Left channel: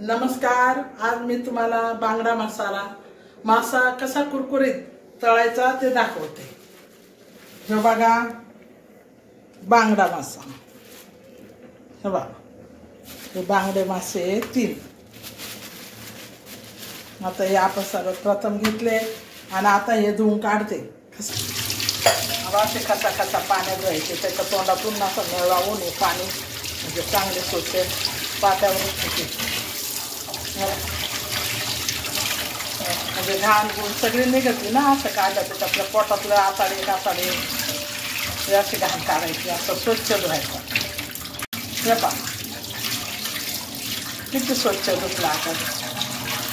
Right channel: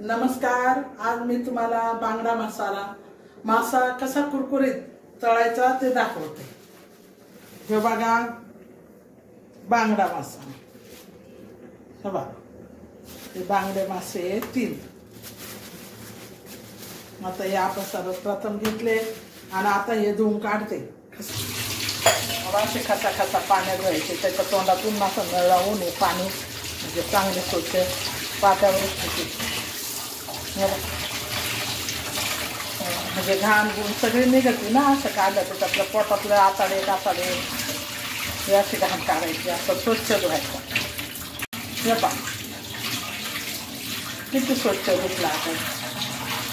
नमस्कार। आज मी तुम्हाला बांगडा मासा कसा कुरकुरीत तळायचा ते दाखवते। हे बघा बांगडा मासा। हे बघा हे बांगडे मासे 3। आता हे आपण सर्वप्रथम घेतले आणि आता हे धुवून काढते। असे खसा पाण्यात घ्यायचे, त्याच्या तोंडातून असं गळावून हे पाणी म्हणजे चांगले स्वच्छ पात्यावर म्हणजे घाण गुण सगळी निघते ना। असं काढलं तर आपल्या पोटातलं आताडे हे अशी घाण काढायची, असं स्वच्छ धुवायचं। हे पहा किती स्वच्छ धुतला आता,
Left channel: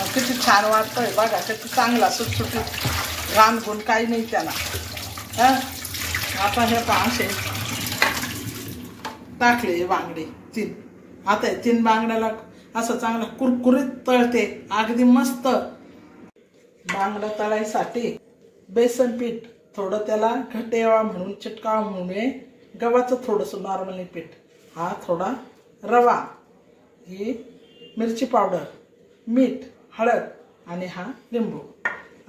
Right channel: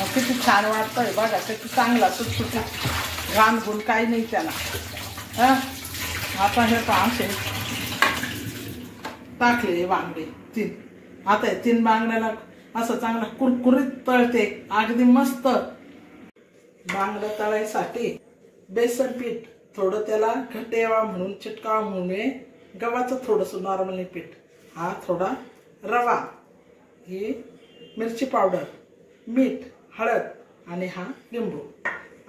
किती छान वाटतंय बघा, किती चांगला सुटसुटीत घाण गुण काही नाही त्याला। आता हे पहा असे टाकले हे बांगडे 3। आता हे 3 बांगड्याला असं चांगला कुरकुरीत तळते, अगदी मस्त। बांगडा तळायसाठी बेसन पीठ थोडं त्याला घट्ट यावा म्हणून चिटकावा म्हणून गव्हाचं थोडंसं नॉर्मली पीठ, हा थोडा रवा, ही मिरची पावडर, मीठ, हळद आणि हा लिंबू।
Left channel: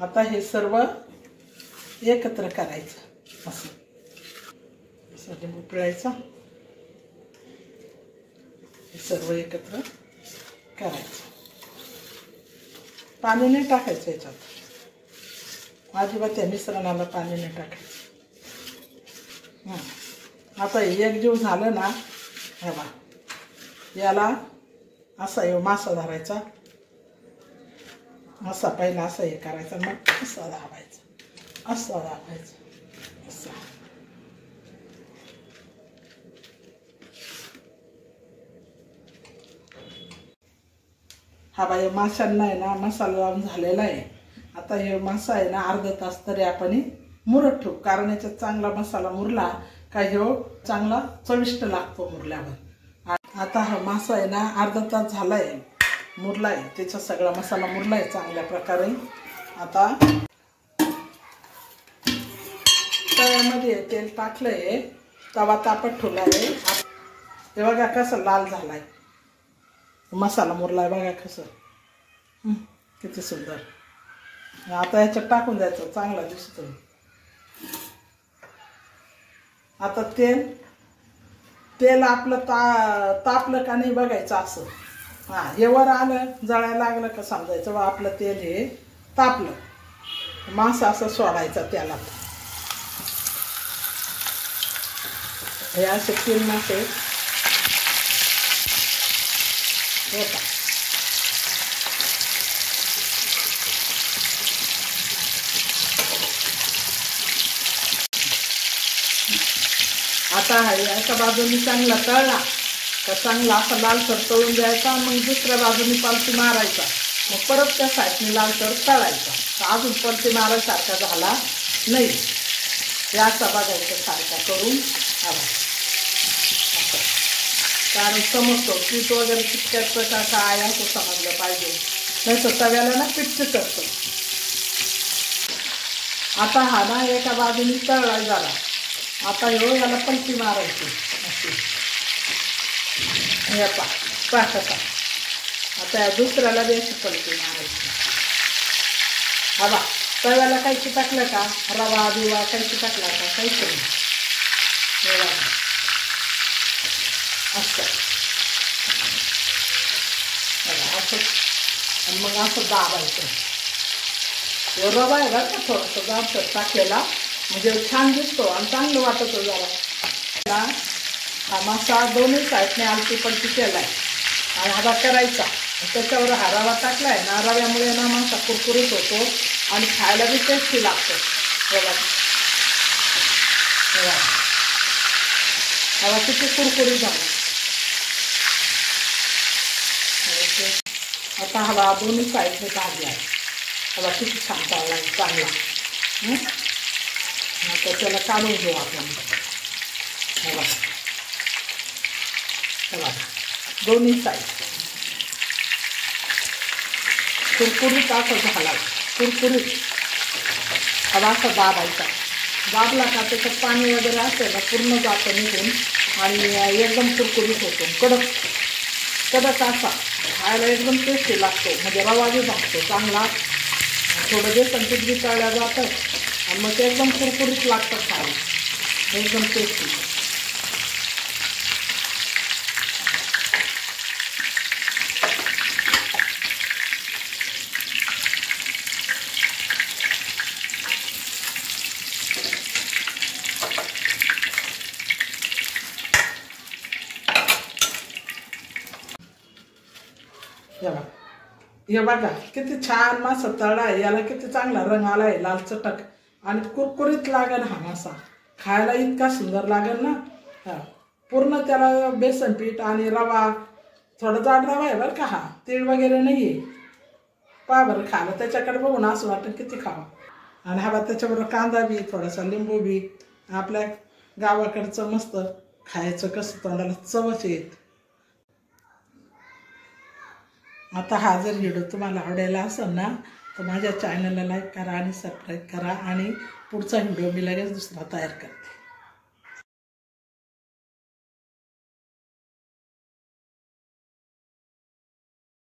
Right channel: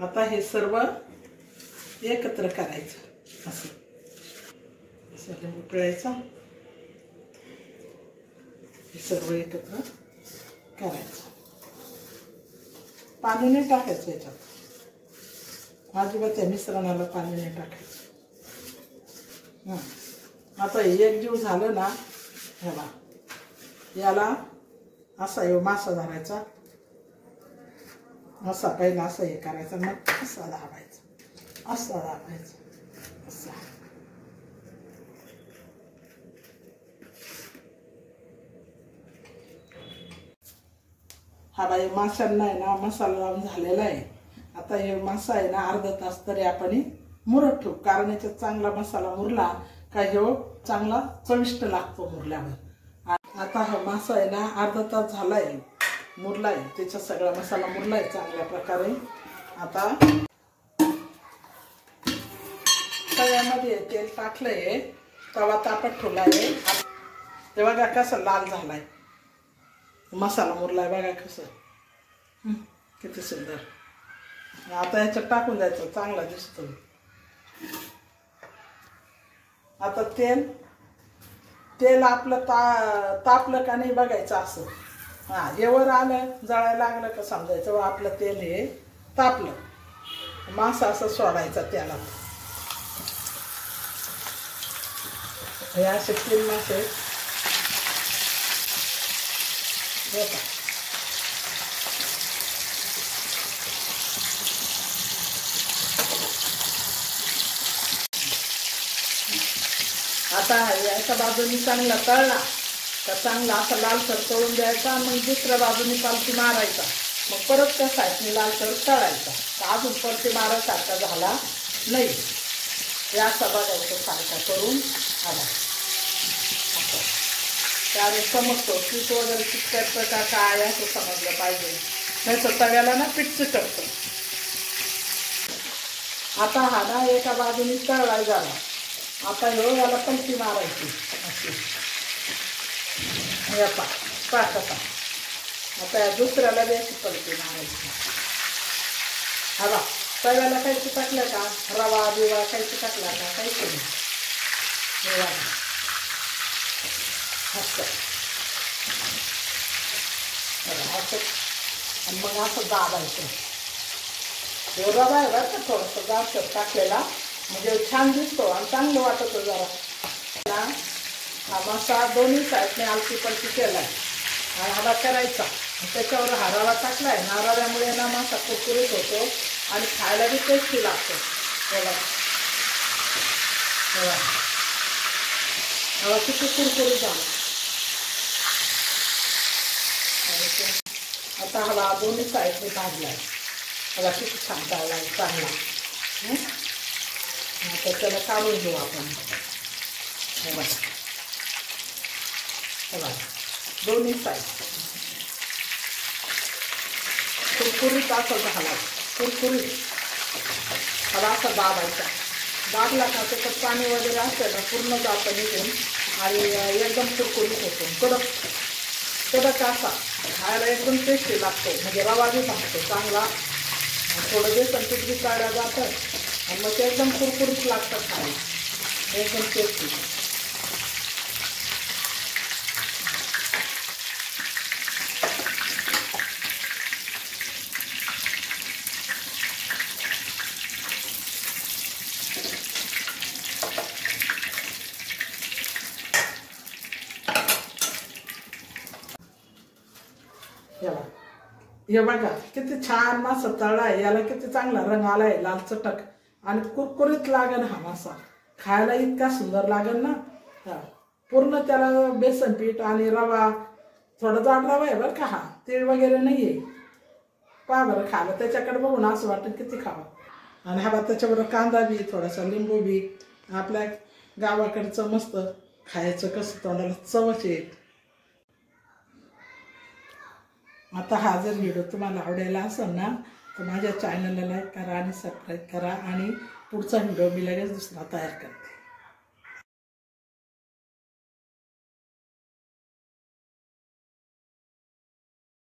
आता हे सर्व एकत्र करायचं, असं लिंबू पिळायचा, हे सर्व एकत्र करायचं। पाणी नाही टाकायचं याच्यात, अजिबात त्या मिश्रणाला पाणी नाही टाकायचं। आता हे एकजीव झालं ना, हे बघा याला असा हे मासा धरायचा, असा पहिला असं हे करायचं, मग असं दाबायचं, असं दाबायचं, असं। हा बाई माशांना आहे ना मसाला लावून झालेला आहे। आता हे मासा आहे ना अर्धा तास तरी आपण मुरत ठेवू, कारण याच्यात चांगला मसाला मुरला का ह्यो चांगला चविष्ट लागतो मुरल्यावर। आता हा मासा आहे ना अर्धा तास झालाय, मुरलाय, त्याचा सगळा मसाला मुरलाय चांगल्या प्रकारे। आता तव्यामध्ये तेल टाकलंय, तवा तापत ठेवलाय, हे बघा कसं लाल झालाय, मसाला मुरलाय बघा कसं, किती सुंदर। आता याच्यात टाकून द्यायचं, चांगला दिसतो। आता तेल आपलं तापलं का नाही बघायचं असं, हे वर आलं जळायला लागलं का समजायचं आपलं तेल हे तापलं। मासा असं सोडायचा त्याला, हे असे 3 मासे आता एका बाजूने चांगला तळला का चांगला असा लालसर तळून द्यायचा, मग दुसऱ्या बाजूने पलटी मारायचा, मग परत त्या साईडने लालसर तळायचा, अजून पलटी मारायसारखा झाला नाही, याचा बघायचा सारखा करून आला, कारण समजतो पीठ वगैरे चिटकायचं का काय असं समजलं पाहिजे, त्याचं तव्याला ना पीठ चिटकतं। आता हा ना एका बाजूने तळला झाला, आता याला पलटी मारायची अशी, टाकता आता दुसऱ्याला बी अशी पलटी मारायची। हा तव्याला काही चिटकलं का, रवा बिवा काही चिटकला का, काहीच नाही, असं आणि मग असं दाबायचं। रवा आहे बरं का थोडंसं जाडसर टाकलेला, म्हणजे छान दिसतो आणि चांगलं वाटतं जरा। हा मासा दोन्ही साईडने आलती पलटी केलाय आणि हवा करायचा, त्याच्यावर हा रवा टाकलाय ना, रव्यामुळे ना मासा कुरकुरीत होतो आणि खायला बी टेस्टी लागतो। हवा किती कुरकुरीत झाला। आता हवा दोन्ही साईडने भाजलाय, हवा किती छान चाललाय चांगला। आता त्याला काढून घेऊ आपण, हवा दोन्ही साईड कुरकुरीत असं झाला, कुरकुरीत हवा असा दाबायचा, दाबला का त्याच्यात पाणी वगैरे असतं का पूर्ण जातं निघून आणि एकदम कुरकुरीत होतो, कडक कडक असा खायला एकदम टेस्टी लागतो. म्हणजे रवा बी भाजतो चांगला, थोडं बेसन पीठ बी चाळलं जातं आणि मग ते एकदम कुरकुरीत लागतं खायला, एकदम टेस्टी. हे बघा किती छान मासा तळला आहे, याला किती चांगला रंग आलाय लाल चटक, आणि कुरकुरीत लागेल हा मासा खायला, इतका सुंदर लागेल ना. पूर्ण त्याला बेसन पीठ आणि रवा, थोडा जाड रवा आहे बरं का, हा तीळ वगैरे नाहीये. पहा बरं खायला त्याच्याकडे बघून असं वाटतं किती खावं. आणि हा त्याच्याबरोबर कांदा बी, थोडासा लिंबू बी, आपल्या गावाकडचं मस्त खायचं कसं तोंडाला चवच येत. आता हा जर व्हिडिओ तुम्हाला आवडायला असेल ना तर माझ्या चॅनलला लाईक करा आणि सबस्क्राईब करा, आणि पुढचा व्हिडिओ मी लगेच दुसरा तयार करा.